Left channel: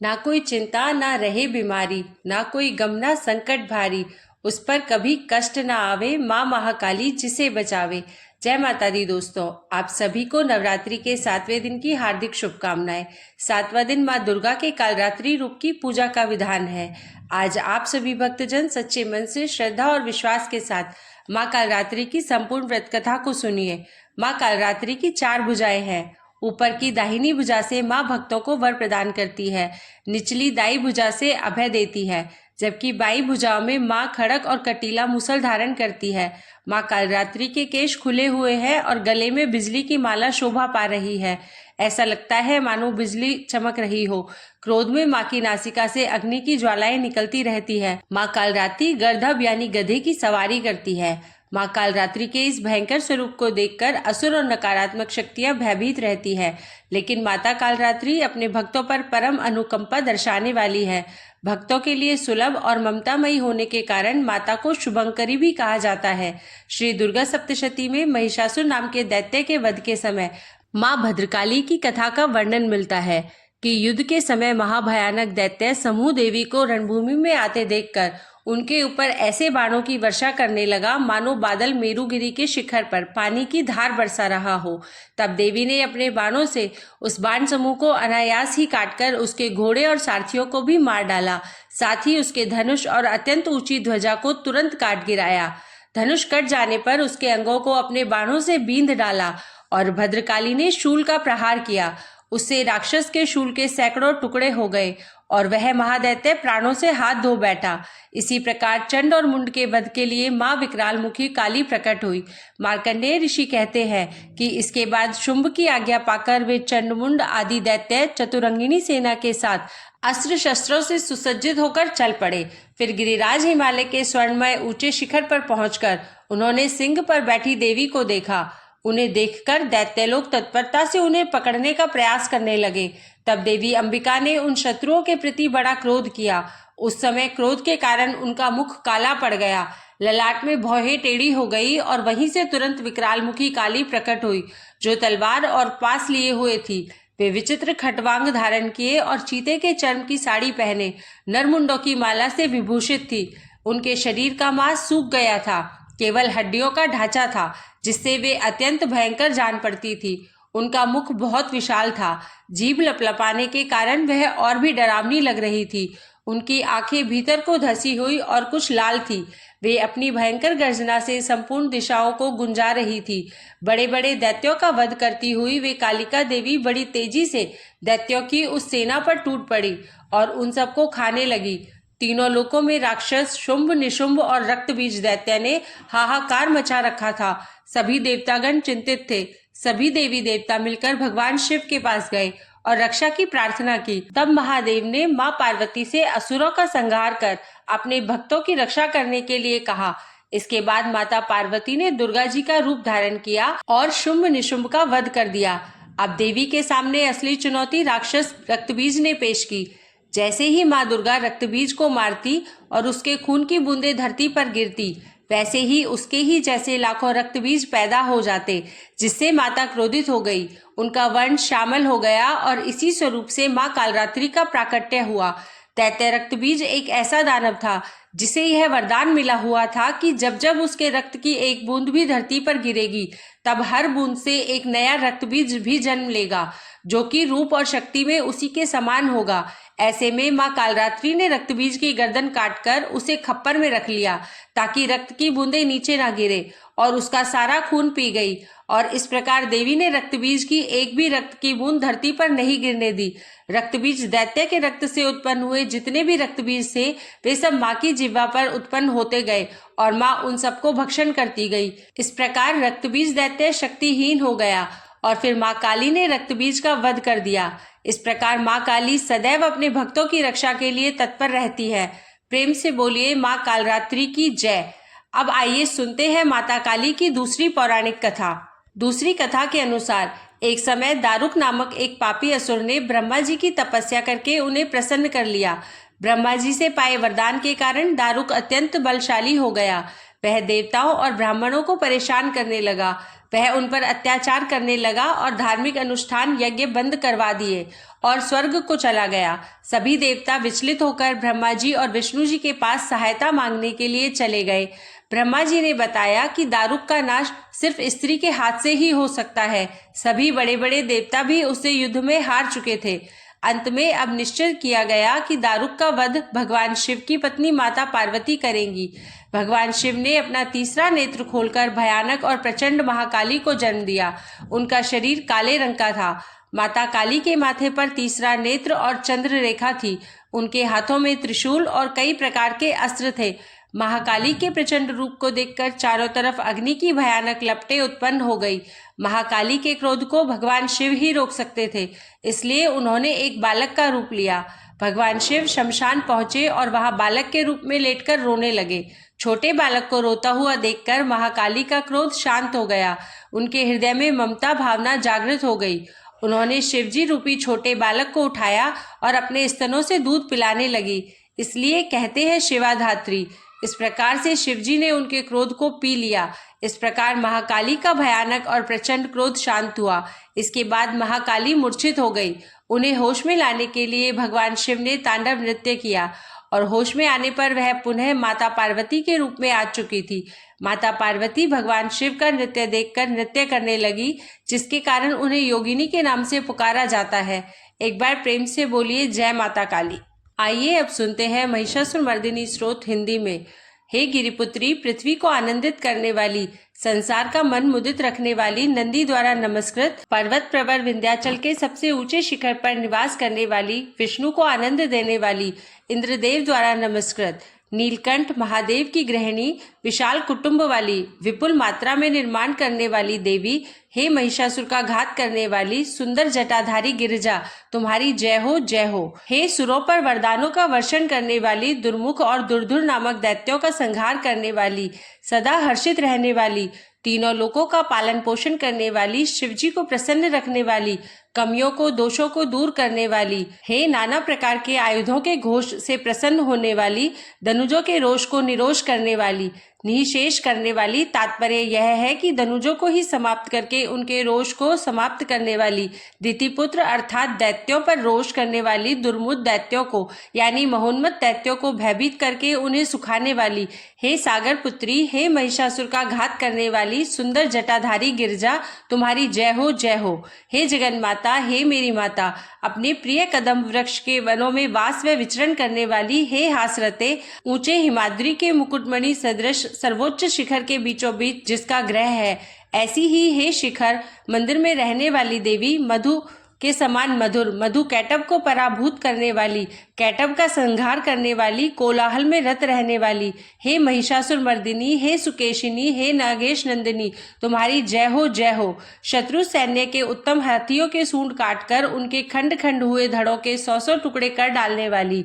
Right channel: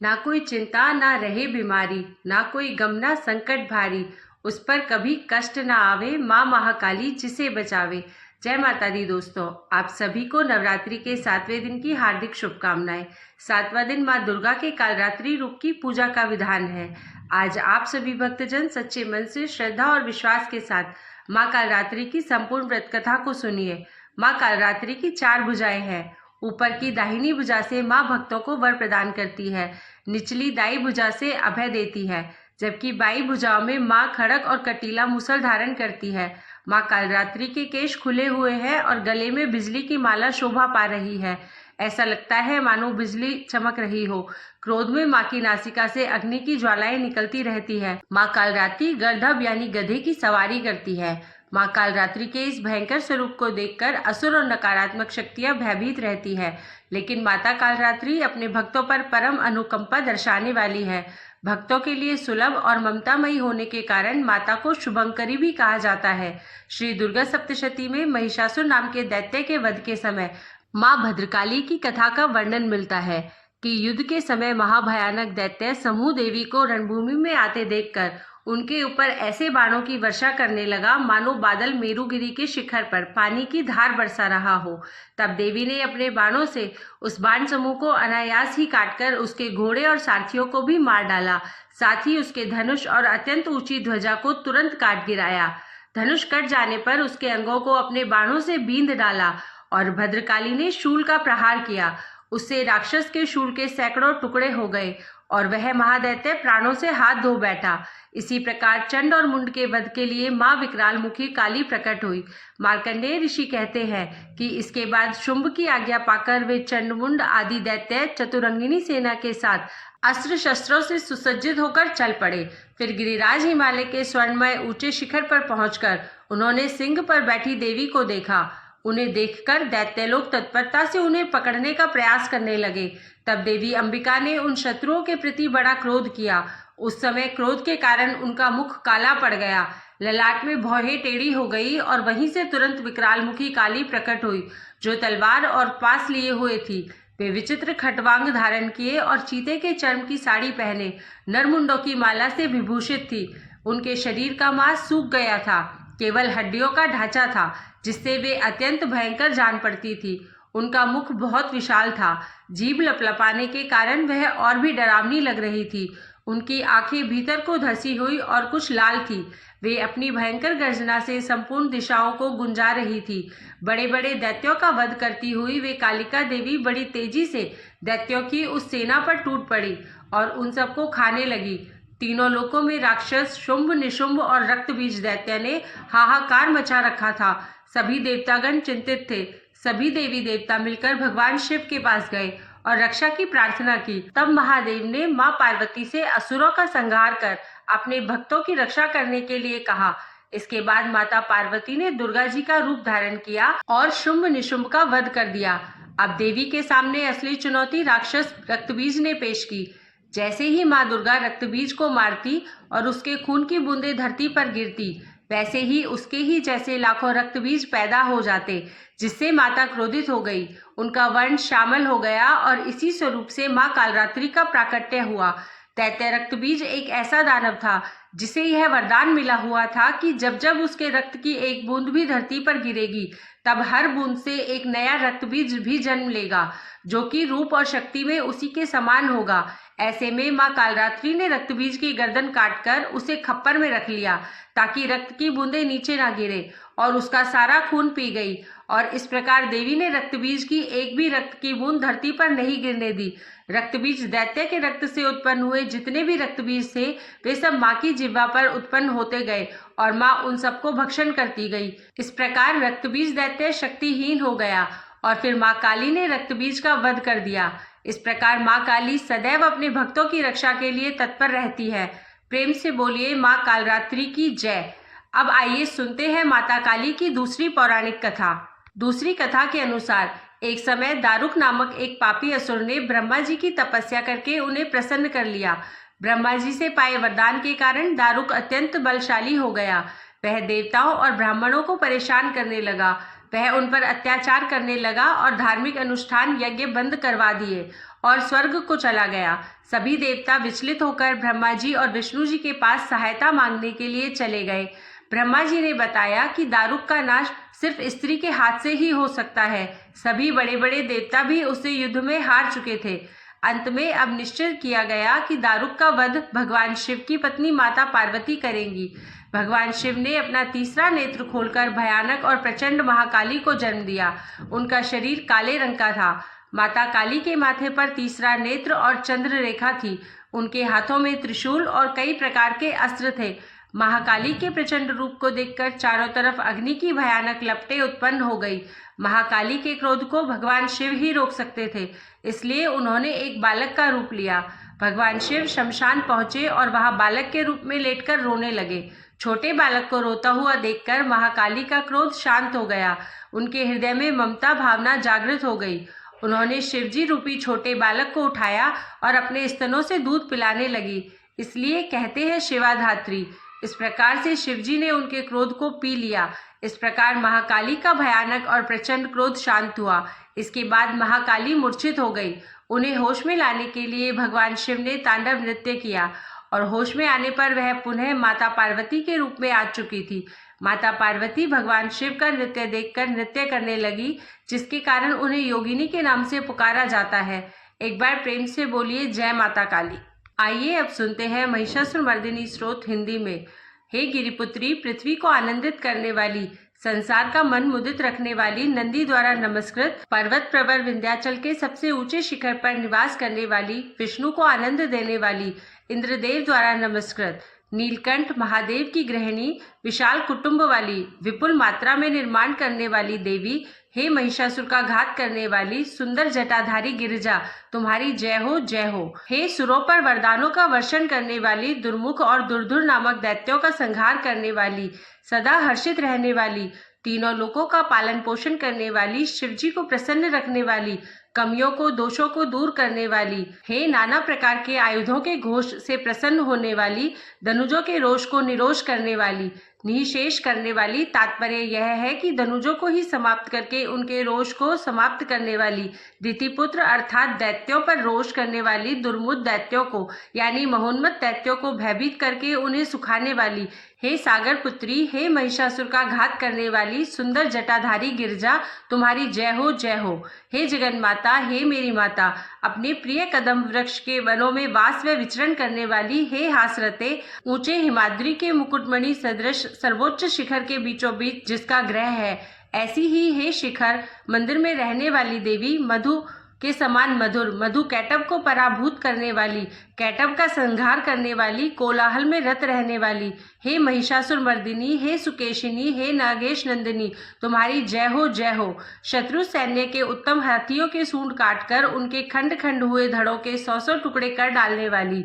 ना कोई चिंता ना रहे बीमारी, ना कोई गम ना संकट भारी, उस पर कभी कष्ट ना आवे, माँ महाकाली जिसे बचावे। जय माता दी दोस्तों, आप सभी को नवरात्रि के 7वें दिन की हार्दिक शुभकामनाएं। 7वां दिन माँ दुर्गा के कालरात्रि रूप की पूजा का विधान है। आज आप सभी भक्तजन सच्चे मन से श्रद्धा और विश्वास के साथ माँ कालरात्रि की संपूर्ण व्रत कथा को सुनिए। माँ कालरात्रि की 4 भुजाएं हैं। ऊपर की दाहिनी भुजा से माँ भक्तों को वर प्रदान करती है, निचली दाई भुजा से अभय देती है, जबकि बाई भुजाओं में माँ खड़ग और कटीला मूसल धारण करती है। माँ कालरात्रि के केश खुले हुए हैं और गले में बिजली की माला शोभा पा रही है। ऐसा लगता है मानो बिजली चमक रही हो। क्रोध में माँ की नासिका से अग्नि की ज्वालाएं निकलती रहती है। माँ कालरात्रि गर्दभ यानी गधे की सवारी करती है। माँ कालरात्रि के इस भयंकर स्वरूप को देखकर असुर और नकारात्मक शक्तियां भयभीत रहती है, लेकिन माता कालरात्रि अपने भक्तों पर परम अनुकंपा दर्शाने वाली है। भक्तों के लिए सुलभ और ममतामयी होने के कारण माता को शुभंकरी भी कहा जाता है। श्री दुर्गा सप्तशती में महिषासुर नाम के दैत्य के वध के समय माँ भद्रकाली की कथा का वर्णन मिलता है कि युद्ध के समय महाभयानक दैत्य समूह देवी को रणभूमि में आते देखकर उनके ऊपर ऐसे बाणों की वर्षा करने लगा मानो बादल मेरुगिरी के शिखर पर पानी की धार बरसा रहा हो। तब देवी ने अपने बाणों से उस बाण समूह को अनायास ही काटकर उसके घोड़े और सारथियों को भी मार डाला। साथ ही उसके धनुष और अत्यंत ऊंची ध्वजा को तुरंत काट गिराया। धनुष कट जाने पर उसके अंगों को अपने बाणों से बींध डाला और भद्रकाली ने शूल का प्रहार किया। उससे राक्षस के शूल के सैकड़ों टुकड़े हो गए और वह महादैत्य प्राणों से हाथ धो बैठा। इसी प्रकार चंड और मुंड के वध के लिए माँ विकराल मुखी काली प्रकट हुई। मार्कंडेय ऋषि कहते हैं कि इसके बाद शुंभ की आज्ञा पाकर वे चंडमुंड आदि दैत्य चतुरंगिनी सेना के साथ अस्त्र शस्त्रों से सुसज्जित होकर चल पड़े। फिर गिरिराज हिमालय के स्वर्णमय ऊंचे शिखर पर पहुंचकर उन्होंने सिंह पर बैठी देवी को देखा। उन्हें देखकर दैत्य लोग तत्परता से उन्हें पकड़ने का प्रयास करने लगे। तब देवी अंबिका ने उन शत्रुओं के प्रति बड़ा क्रोध किया। उस समय क्रोध के कारण उनका मुख काला पड़ गया, ललाट में भौहें टेढ़ी हो गई और वहीं से तुरंत विकरालमुखी काली प्रकट हुई, जो तलवार और पास लिए हुए थी। वे विचित्र खटवांग धारण किए और चीते के चर्म की साड़ी पहने नरमुंडों की माला से विभूषित थी। उनके शरीर का मांस सूख गया था, केवल हड्डियों का ढांचा था, जिससे वे अत्यंत भयंकर जान पड़ती थी। उनका मुख बहुत विशाल था, जीभ लपलपाने के कारण वह और भी डरावनी लग रही थी। उनकी आंखें भीतर को धसी हुई और कुछ लाल थी। वे अपनी भयंकर गर्जना से संपूर्ण दिशाओं को गुंजा रही थी। बड़े बड़े दैत्यों का वध करती हुई वे कालिका देवी बड़ी तेजी से दैत्यों की उस सेना पर टूट पड़ी और उन सबको खाने लगी। तीनों लोकों में राक्षस शुंभ, निशुंभ और रक्तबीज दैत्य ने हाहाकार मचा रखा था। सभी देवतागण चिंतित थे। सभी देवी देवता मिलकर भगवान शिव के पास गए और रक्षा की प्रार्थना की। तब महादेव ने मां पार्वती से असुरों का संहार कर अपने भक्तों की रक्षा करने के लिए कहा। इसके बाद माता पार्वती ने दुर्गा जी का रूप धारण किया और शुंभ निशुंभ का वध कर दिया। अब देवी के सामने असली चुनौती राक्षस रक्तबीज ने पेश की। जैसे ही माँ दुर्गा रक्तबीज को मारती और उसके खून की बूंदें धरती पर गिरती, वैसे ही उसके ही जैसे लाखों रक्तबीज पैदा हो जाते, जिससे माता क्रोधित हो गई। उनका वंश शामिल हो गया और इसी स्वरूप से माँ कालरात्रि का प्राकट्य हुआ। दैत्य रक्तबीज एक ऐसा दानव था जिसे यह वरदान मिला हुआ था कि जब जब उसके रक्त की एक बूंद भी धरती पर गिरेगी, तब हर बूंद से एक नया रक्तबीज भी जन्म लेगा, जो कि रूप और शक्ति में उसी के समान होगा। ऐसे में माँ कालरात्रि ने रक्तबीज की गर्दन काटकर उसे खप्पर में रख लिया, ताकि रक्त की बूंदें नीचे ना गिरे, और उसका सारा खून पी गई। और इस प्रकार देवी ने रक्तबीज की एक भी रक्त की बूंद धरती पर नहीं गिरने दी। रक्तबीज दैत्य के रक्त से उत्पन्न हुए जितने भी रक्तबीज थे, वे सब माँ की जिह्वा पर उत्पन्न होते गए और माँ उन सबको भक्षण करती गई। इस प्रकार रक्तबीज दैत्य शक्तिहीन हो गया और फिर माँ काली ने रक्तबीज का वध कर दिया। इस प्रकार माँ काली सदैव अपने भक्तों की रक्षा के लिए तत्पर रहती है। प्रेम से बोलिए माँ कालरात्रि की जय। अब आइए सुनते हैं माता काली की दूसरी पौराणिक कथा। दूसरी कथा के अनुसार एक समय दारुक नामक एक पापी असुर ने ब्रह्मा जी की तपस्या करके उन्हें प्रसन्न कर लिया। ब्रह्मा जी से पाए वरदान के कारण दारुक अत्यंत बलशाली हो गया। वह देवताओं और ब्राह्मणों को परेशान करने लगा। वह उन पर अत्याचार करने लगा और धार्मिक अनुष्ठान यज्ञ बंद करवा दिए और स्वर्ग को चला गया। सभी देवता विचलित होकर ब्रह्मा जी और विष्णु जी के पास सहायता मांगने के लिए चले गए। ब्रह्मा जी ने बताया कि दारुक का नाश सिर्फ स्त्री के हाथ से ही हो सकता है। सभी बड़े बड़े देवता भी उससे युद्ध में हार चुके थे। अंत में अब निश्चय किया गया कि दारुक का वध भगवान शिव की पत्नी माता पार्वती करेंगी। भगवान शिव ने अपना तीसरा नेत्र खोलकर भयानक और प्रचंड महाकाली को जन्म दिया। उनका शरीर काले रंग का था। माता काली के माथे पर तीसरा नेत्र और चंद्र रेखा थी। उनके हाथों में त्रिशूल और कई प्रकार के अस्त्र थे। महाकाली के प्रचंड रूप को देखकर चारों तरफ अग्नि की भयानक लपटें उत्पन्न हो गई। महाकाली के क्रोध को भगवान शिव ही रोक सकते थे, इसलिए उन्होंने एक बालक का रूप लिया। भगवान शिव शमशान पहुंचे और वहां बालक के रूप में लेटकर रोने लगे। छोटे बालक को रोता हुआ देखकर महाकाली का क्रोध शांत हो गया। उनके हृदय में ममता भावना जागृत हो गई। उन्होंने शिवजी रूपी छोटे बालक को उठाया और अपने स्तनों से दूध पिलाने लगी। इसलिए कहते हैं शिवाधात्री। इस प्रकार से शिवजी ने उनके क्रोध को पी लिया। इस प्रकार महाकाली का भयानक और प्रचंड क्रोध शांत हुआ। इसके बाद महाकाली मूर्छित हो गई। उन्हें होश में लाने के लिए भगवान शिव ने तांडव नृत्य किया और होश में आने पर वह पुनः माता पार्वती के रूप में आ चुकी थी। माता पार्वती भगवान शिव का नृत्य देखकर नृत्य करने लगी, जिसके कारण उन्हें योगिनी के नाम से पुकारा जाता है। एक बार प्रेम से बोलिए जय माता काली। आइए अब सुनते हैं महिषासुरमर्दिनी स्तोत्र हिंदी में। हे गिरिपुत्री, पृथ्वी को आनंदित करने वाली, संसार का मन मुदित रखने वाली, नंदी द्वारा नमस्कृत, पर्वत प्रवर विंध्याचल के सबसे ऊंचे शिखर पर निवास करने वाली, विष्णु को आनंद देने वाली, इंद्रदेव द्वारा नमस्कृत, नीलकंठ महादेव की गृहिणी, विशाल कुटुंब वाली, विपुल मात्रा में निर्माण करने वाली देवी, हे महिषासुर का घात करने वाली, सुंदर जटाधारी गिरिजा, तुम्हारी जय हो जय हो। हे सुरों पर वरदानों का वर्षण करने वाली, दुर्मुख और दुर्धुर नामक दैत्यों का संहार करने वाली, सदा हर्षित रहने वाली, तीनों लोकों का पालन पोषण करने वाली, शिवजी को प्रसन्न रखने वाली, कमियों को दोषों को दूर करने वाली, हे नाना प्रकार के आयुधों के घोष से प्रसन्न होने वाली, धनुजों के रोष को निरोष करने वाली, निःशेष करने वाली। तात्पर्य यह है कि धनुजों को ही समाप्त करके उनके रोष को समाप्त करने वाली, दितिपुत्र अर्थात दैत्यों पर रोष करने वाली, दुर्मुद दैत्यों को यानी महोन्मत्त दैत्यों को भयभीत करके उन्हें सुखाने वाली, हे सागर पुत्री, हे महिषासुर का घात करने वाली, सुंदर जटाधारी गिरिजा, तुम्हारी जय हो जय हो। हे जगन माता, हे मेरी माता, अपने प्रिय कदम वृक्ष के वनों में वास व विचरण करने वाली, हे हासरते, ऊंचे हिमाद्री के मुकुटमणि सदृश सर्वोच्च शिखर के बीचों बीच जिसका ग्रह है, ऐसी ही हे शिखर मंदिर में रहने वाली देवी, मधु के समान मधुर, मधु कैटव को पराभूत करने वाली, कैटव का संहार करने वाली, कोलाहल में रत रहने वाली, हे महिषासुर मर्दिनी, हे सुकेशिनी, हे नागेश नंदिनी, तुम्हारी जय हो जय हो। शत्रु सैन्य के उत्तम हाथियों के सूंड काटकर उनके खंड खंड हुए धड़ों के 100 टुकड़े कर डालने वाली,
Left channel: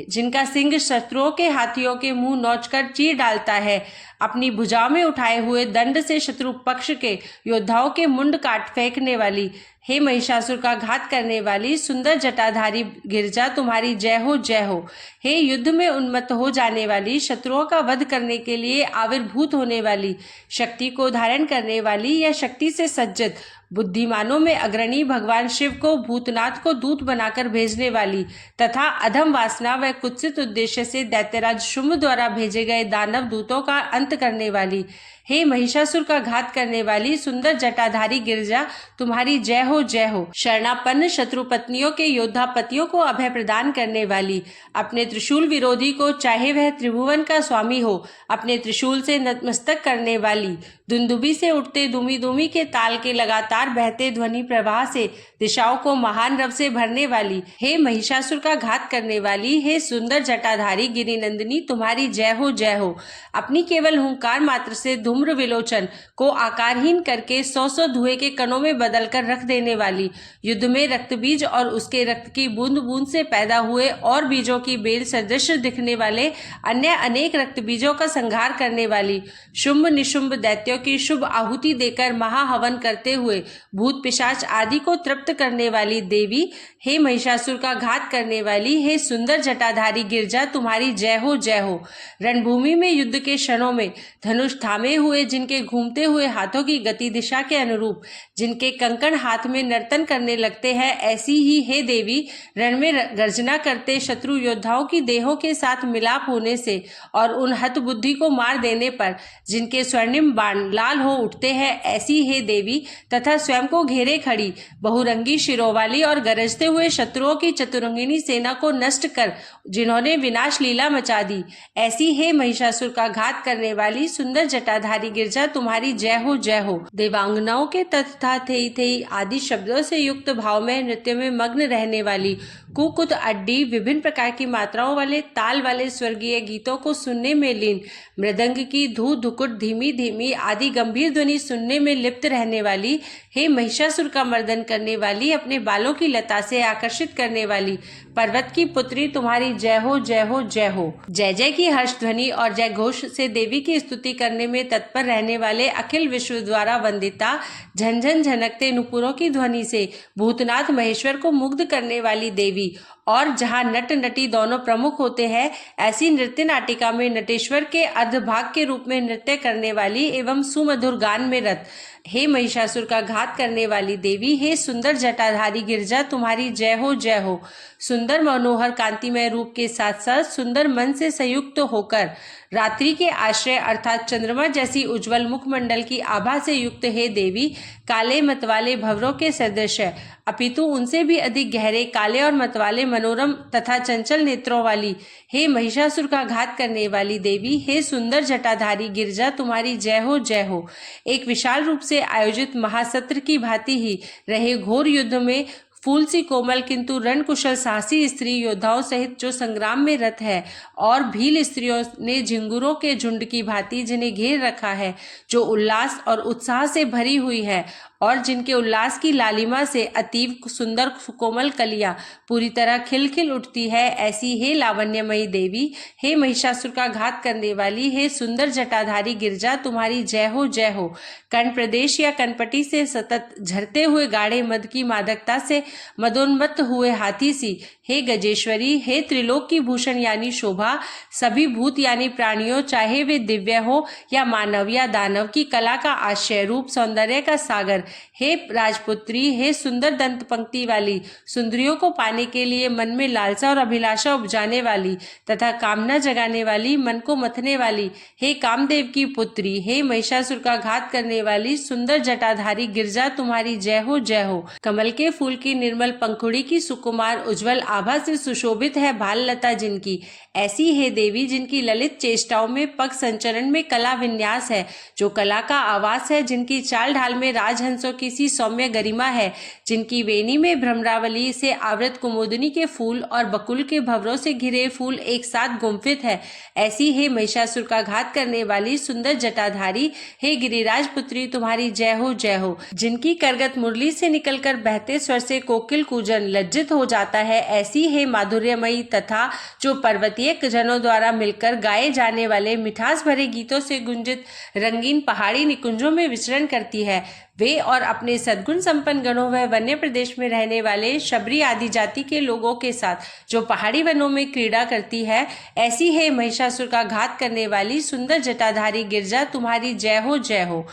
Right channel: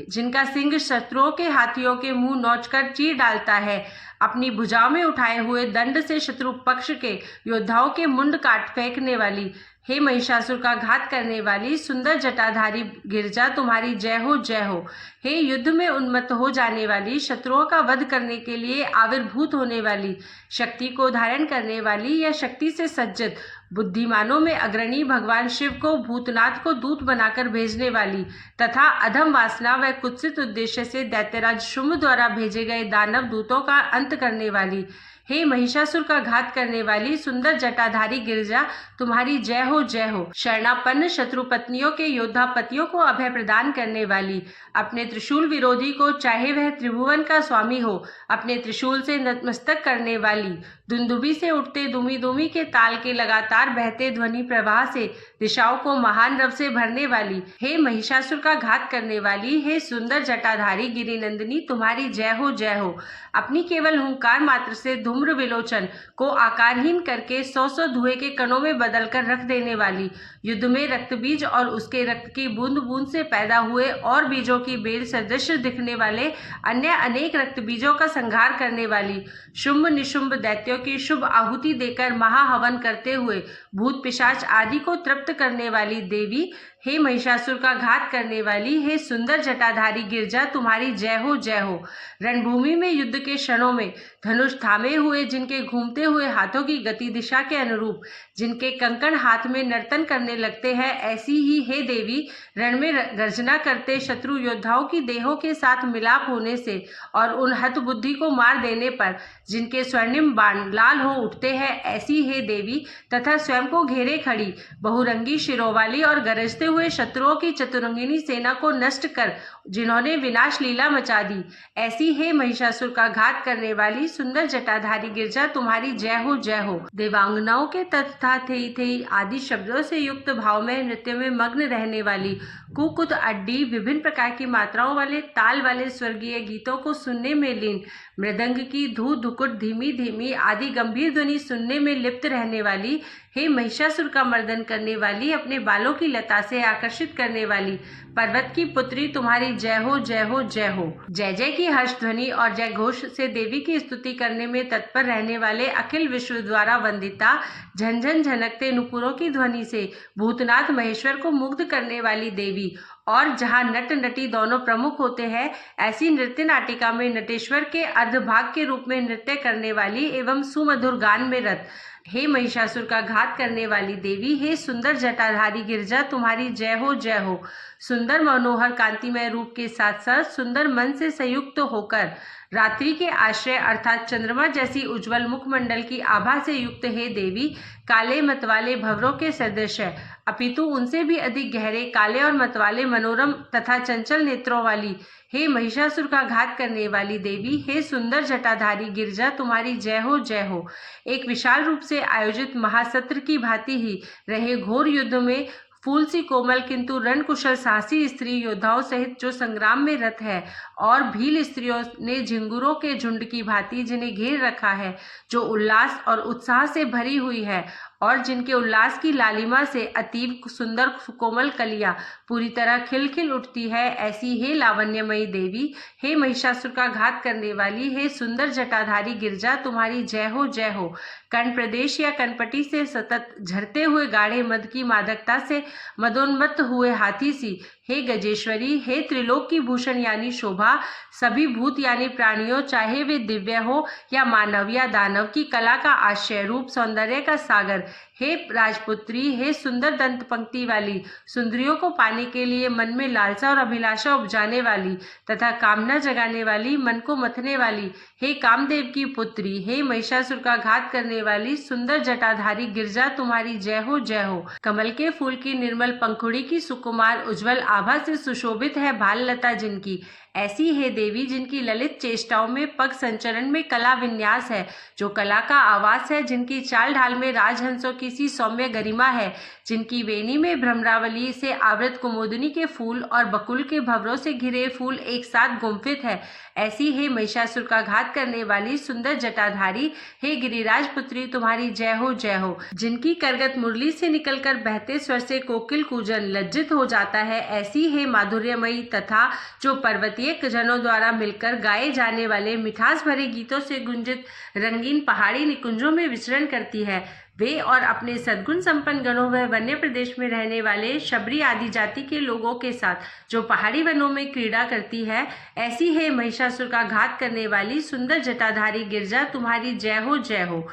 जिनका सिंह शत्रुओं के हाथियों के मुंह नोचकर चीर डालता है, अपनी भुजाओं में उठाए हुए दंड से शत्रु पक्ष के योद्धाओं के मुंड काट फेंकने वाली, हे महिषासुर का घात करने वाली, सुंदर जटाधारी गिरिजा, तुम्हारी जय हो जय हो। हे युद्ध में उन्मत्त हो जाने वाली, शत्रुओं का वध करने के लिए आविर्भूत होने वाली, शक्ति को धारण करने वाली या शक्ति से सज्जित, बुद्धिमानों में अग्रणी, भगवान शिव को भूतनाथ को दूत बनाकर भेजने वाली तथा अधम वासना व कुत्सित उद्देश्य से दैत्यराज शुंभ द्वारा भेजे गए दानव दूतों का अंत करने वाली, हे महिषासुर का घात करने वाली, सुंदर जटाधारी गिरिजा, तुम्हारी जय हो जय हो। शरणापन्न शत्रु पत्नियों के योद्धा पतियों को अभय प्रदान करने वाली, अपने त्रिशूल विरोधी को चाहे वह त्रिभुवन का स्वामी हो, अपने त्रिशूल से नतमस्तक करने वाली, दुंदुबी से उठते दुमी दुमी के ताल के लगातार बहते ध्वनि प्रवाह से दिशाओं को महान रव से भरने वाली, हे महिषासुर का घात करने वाली, हे सुंदर जटाधारी गिरिनंदिनी, तुम्हारी जय हो जय हो। अपनी केवल हुंकार मात्र से धूम्र विलोचन को आकारहीन करके 100 धुएं के कणों में बदलकर रख देने वाली, युद्ध में रक्त बीज और उसके रक्त की बूंद बूंद से पैदा हुए और बीजों की बेल सदृश दिखने वाले अन्य अनेक रक्त बीजों का संहार करने वाली, शुंभ निशुंभ दैत्यों की शुभ आहुति देकर महाहवन करते हुए भूत पिशाच आदि को तृप्त करने वाली देवी, हे महिषासुर का घात करने वाली, हे सुंदर जटाधारी गिरजा, तुम्हारी जय हो जय हो। रणभूमि में युद्ध के क्षणों में धनुष थामे हुए, जिनके घूमते हुए हाथों की गति दिशा के अनुरूप जिनके कंकण हाथ में नर्तन करने लगते हैं, ऐसी ही हे देवी रण में गर्जना करते शत्रु योद्धाओं की देहों के साथ मिलाप होने से और उन हतबुद्धि को मार देने पर जिनके स्वर्णिम बाण लाल हो उठते हैं, ऐसी हे देवी तथा स्वयं को घेरे खड़ी बहुरंगी शिरों वाली और गरजते हुए शत्रुओं की चतुरंगिनी सेना को नष्ट कर जिन्होंने विनाश लीला मचा दी, ऐसी हे महिषासुर का घात करने वाली सुंदर जटाधारी गिरजा, तुम्हारी जय हो जय हो। देवांगनाओं के तथा थेई थेई आदि शब्दों से युक्त भाव में नृत्य में मग्न रहने वाली कुकुत अड्डी विभिन्न प्रकार की मात्राओं वाले ताल वाले स्वर्गीय गीतों को सुनने में लीन, मृदंग की धू धुकुट धीमी धीमी आदि गंभीर ध्वनि सुनने में लिप्त रहने वाली, हे महिषासुर का मर्दन करने वाली, अपने बालों की लता से आकर्षित करने वाली पर्वत की पुत्री, तुम्हारी जय हो जय हो जय हो। जय जय की हर्ष ध्वनि और जय घोष से देवी की स्तुति करने में तत्पर रहने वाले अखिल विश्व द्वारा वंदिता, झनझन झनकते नुपुरों की ध्वनि से भूतनाथ महेश्वर को मुग्ध करने वाली देवी, और जहाँ नट नटी दोनों प्रमुख होते हैं, ऐसी नृत्य नाटिका में नटेश्वर के अर्धभाग के रूप में नृत्य करने वाली एवं सुमधुर गान में रत, हे महिषासुर का घात करने वाली देवी, हे सुंदर जटाधारी गिरजा, तुम्हारी जय हो जय हो। सुंदर मनोहर कांतिमय रूप के साथ साथ सुंदर मन से संयुक्त होकर रात्रि के आश्रय अर्थात चंद्रमा जैसी उज्जवल मुखमंडल की आभा से युक्त हे देवी, काले मतवाले भंवरों के सदृश है, अपितु उनसे भी अधिक गहरे काले और मतवाले मनोरम तथा चंचल नेत्रों वाली, हे महिषासुर का घात करने वाली देवी, हे सुंदर जटाधारी गिरजा, तुम्हारी जय हो जय हो। एक विशाल रूप से आयोजित महासत्र की भांति ही रहे घोर युद्ध में फूल सी कोमल किंतु रणकुशल साहसी स्त्री योद्धाओं सहित जो संग्राम में रत है, और भील स्त्रियों ने झिंगुरों के झुंड की भांति जिन्हें घेर रखा है, जो उल्लास और उत्साह से भरी हुई है और जिनके उल्लास की लालिमा से अतीव सुंदर कोमल कलियां पूरी तरह खिल खिल उठती है, ऐसी हे लावण्यमयी देवी, हे महिषासुर का घात करने वाली, हे सुंदर जटाधारी गिरजा, तुम्हारी जय हो जय हो। कर्ण प्रदेश या कनपटी से सतत झरते हुए गाढ़े मद की मादकता से मदोन्मत्त हुए हाथी सी, हे गजेश्वरी, हे त्रिलोक की भूषण यानी शोभा, सभी भूत यानी प्राणियों चाहे वे दिव्य हो या मानव या दानव की कला का आश्रय रूप सौंदर्य का सागर, हे राजपुत्री, हे सुंदर दंत पंक्ति वाली, सुंदरियों को पाने के लिए मन में लालसा और अभिलाषा उपजाने वाली तथा कामना जगाने वाली, मन को मथने वाली, हे कामदेव की पुत्री, हे महिषासुर का घात करने वाली सुंदर जटाधारी गिरजा, तुम्हारी जय हो जय हो। कमल के फूल की निर्मल पंखुड़ी की सुकुमार उज्जवल आभा से सुशोभित है भाल लता जिनकी, ऐसी हे देवी जिनकी ललित चेष्टाओं में पग संचरण में कला विन्यास है, जो कला का आवास है, जिनकी चाल ढाल में राजहंसों की सी सौम्य गरिमा है, जिनकी वेणी में भ्रमरावली से आवृत कुमुदिनी के फूल और बकुल के भंवरों से घिरे फूल एक साथ गुंफित है, ऐसी हे महिषासुर का घात करने वाली सुंदर जटाधारी, हे गिरिराज पुत्री, तुम्हारी जय हो जय हो। जिनकी करगत मुरली से निकलकर बहते स्वर से कोकिल कूजन लज्जित हो जाता है, ऐसी हे माधुर्यमयी तथा जो पर्वतीय जनों द्वारा मिलकर गाए जाने वाले मिठास भरे गीतों से गुंजित रंगीन पहाड़ी निकुंजों में विचरण करती है, वे और अपने सद्गुण संपन्न गणों व वन्य प्रदेश में रहने वाले शबरी आदि जाति के लोगों के साथ जो पहाड़ी वनों में क्रीड़ा करती है, ऐसी है महिषासुर का घात करने वाली सुंदर जटाधारी गिरजा, तुम्हारी जय हो जय हो।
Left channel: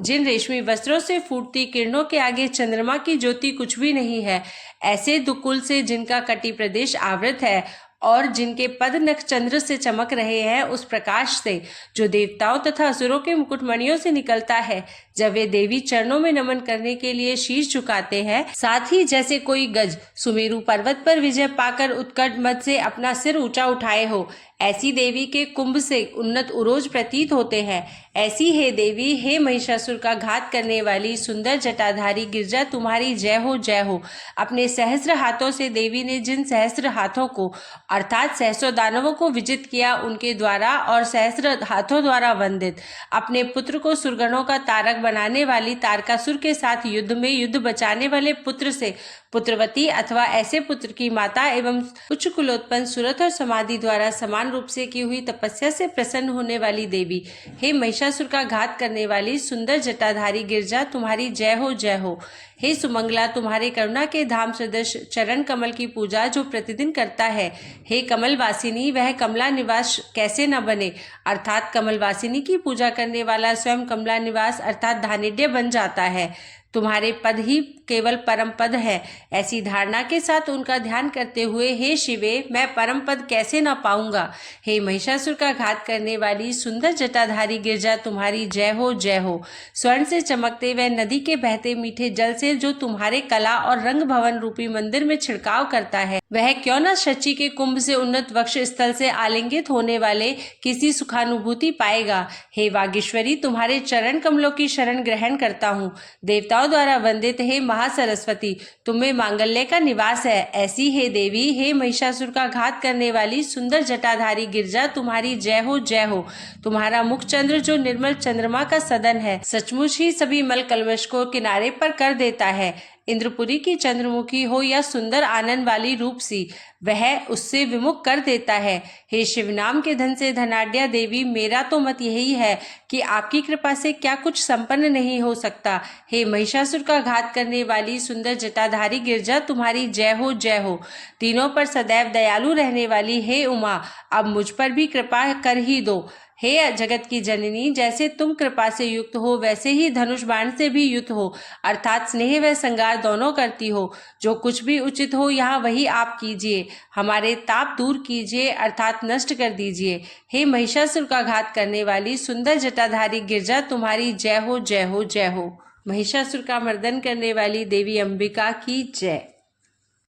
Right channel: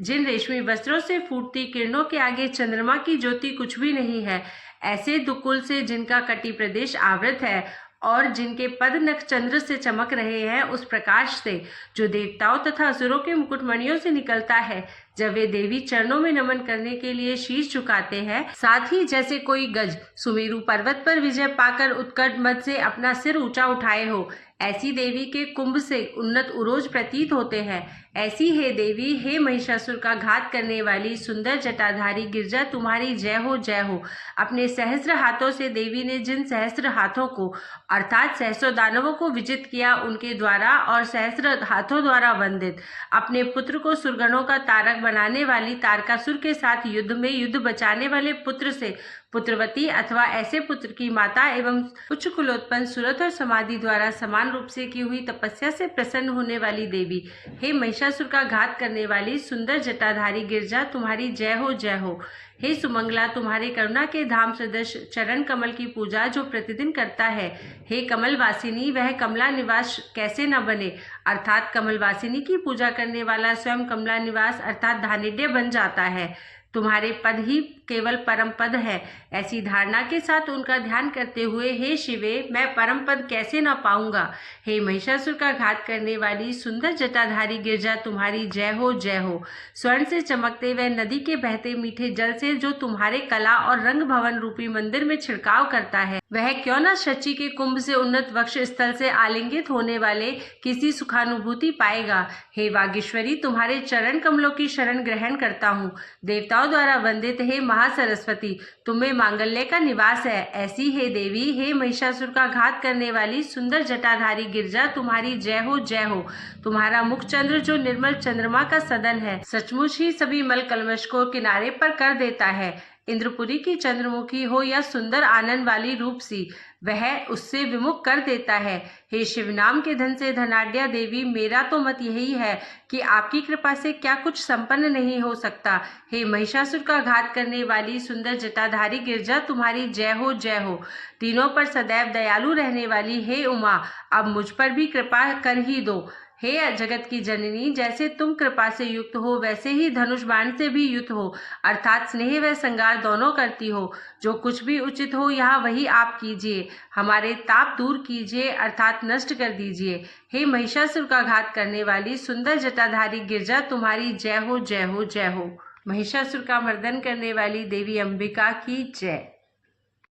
जिन रेशमी वस्त्रों से फूटती किरणों के आगे चंद्रमा की ज्योति कुछ भी नहीं है, ऐसे दुकुल से जिनका कटी प्रदेश आवृत है और जिनके पद नख चंद्र से चमक रहे हैं, उस प्रकाश से जो देवताओं तथा असुरों के मुकुटमणियों से निकलता है, जब वे देवी चरणों में नमन करने के लिए शीश झुकाते हैं, साथ ही जैसे कोई गज सुमेरु पर्वत पर विजय पाकर उत्कट मद से अपना सिर ऊंचा उठाए हो, ऐसी देवी के कुंभ से उन्नत उरोज प्रतीत होते हैं, ऐसी हे देवी, हे महिषासुर का घात करने वाली सुंदर जटाधारी गिरजा, तुम्हारी जय हो जय हो। अपने सहस्त्र हाथों से देवी ने जिन सहस्त्र हाथों को अर्थात सहस्त्रों दानवों को विजित किया, उनके द्वारा और सहस्त्र हाथों द्वारा वंदित अपने पुत्र को सुरगणों का तारक बनाने वाली तारकासुर के साथ युद्ध में युद्ध बचाने वाले पुत्र से पुत्रवती अथवा ऐसे पुत्र की माता एवं उच्च कुलोत्पन्न सुरत और समाधि द्वारा समान रूप से की हुई तपस्या से प्रसन्न होने वाली देवी, हे महिषासुर का घात करने वाली सुंदर जटाधारी गिरजा, तुम्हारी जय हो जय हो। हे सुमंगला, तुम्हारे करुणा के धाम सदृश चरण कमल की पूजा जो प्रतिदिन करता है, हे कमल वासिनी, वह कमला निवास कैसे न बने, अर्थात कमल वासिनी की पूजा करने वाला स्वयं कमला निवास अर्थात धानिड्य बन जाता है। तुम्हारे पद ही केवल परम पद है, ऐसी धारणा के साथ उनका ध्यान करते हुए हे शिवे, मैं परम पद कैसे ना पाऊंगा। हे महिषासुर का घात करने वाली सुंदर जटाधारी गिरजा, तुम्हारी जय हो जय हो। स्वर्ण से चमकते वह नदी के बहते मीठे जल से जो तुम्हारे कला और रंग भवन रूपी मंदिर में छिड़काव करता है, वह क्यों न शची के कुंभ से उन्नत वक्ष स्थल से आलिंगित होने वाले किसी सुखानुभूति पाएगा। हे वागीश्वरी, तुम्हारे चरण कमलों की शरण ग्रहण करता हूँ। देवताओं द्वारा वंदित हे महासरस्वती, तुम्हें मांगल्य का निवास है, ऐसी हे देवी, हे महिषासुर का घात करने वाली सुंदर जटाधारी गिरजा, तुम्हारी जय हो जय हो। तुम्हारा मुख चंद्र जो निर्मल चंद्रमा का सदन है, सचमुच ही सभी मल कलवश को किनारे पर कर देता है। इंद्रपुरी की चंद्रमुखी हो या सुंदर आनंद वाली रूप सी, वह उससे विमुख कर देता है। हे शिव नाम के धन से धनाढ्या देवी, मेरा तो मत यही है कि आपकी कृपा से क्या कुछ संपन्न नहीं हो सकता। हे महिषासुर का घात करने वाली सुंदर जटाधारी गिरजा, तुम्हारी जय हो जय हो। तीनों पर सदैव दयालु रहने वाली हे उमा, अब मुझ पर भी कृपा कर ही दो। हे जगत की जननी, जैसे तुम कृपा से युक्त हो, वैसे ही धनुष बाण से भी युक्त हो, अर्थात स्नेह व श्रृंगार दोनों करती हो। जो कुछ भी उचित हो यहाँ वही आप कीजिए, हमारे ताप दूर कीजिए अर्थात नष्ट कर दीजिए। हे महिषासुर का घात करने वाली सुंदर जटाधारी गिरजा, तुम्हारी जय हो जय हो जय हो। महिषासुर का मर्दन करने वाली देवी अंबिका की जय।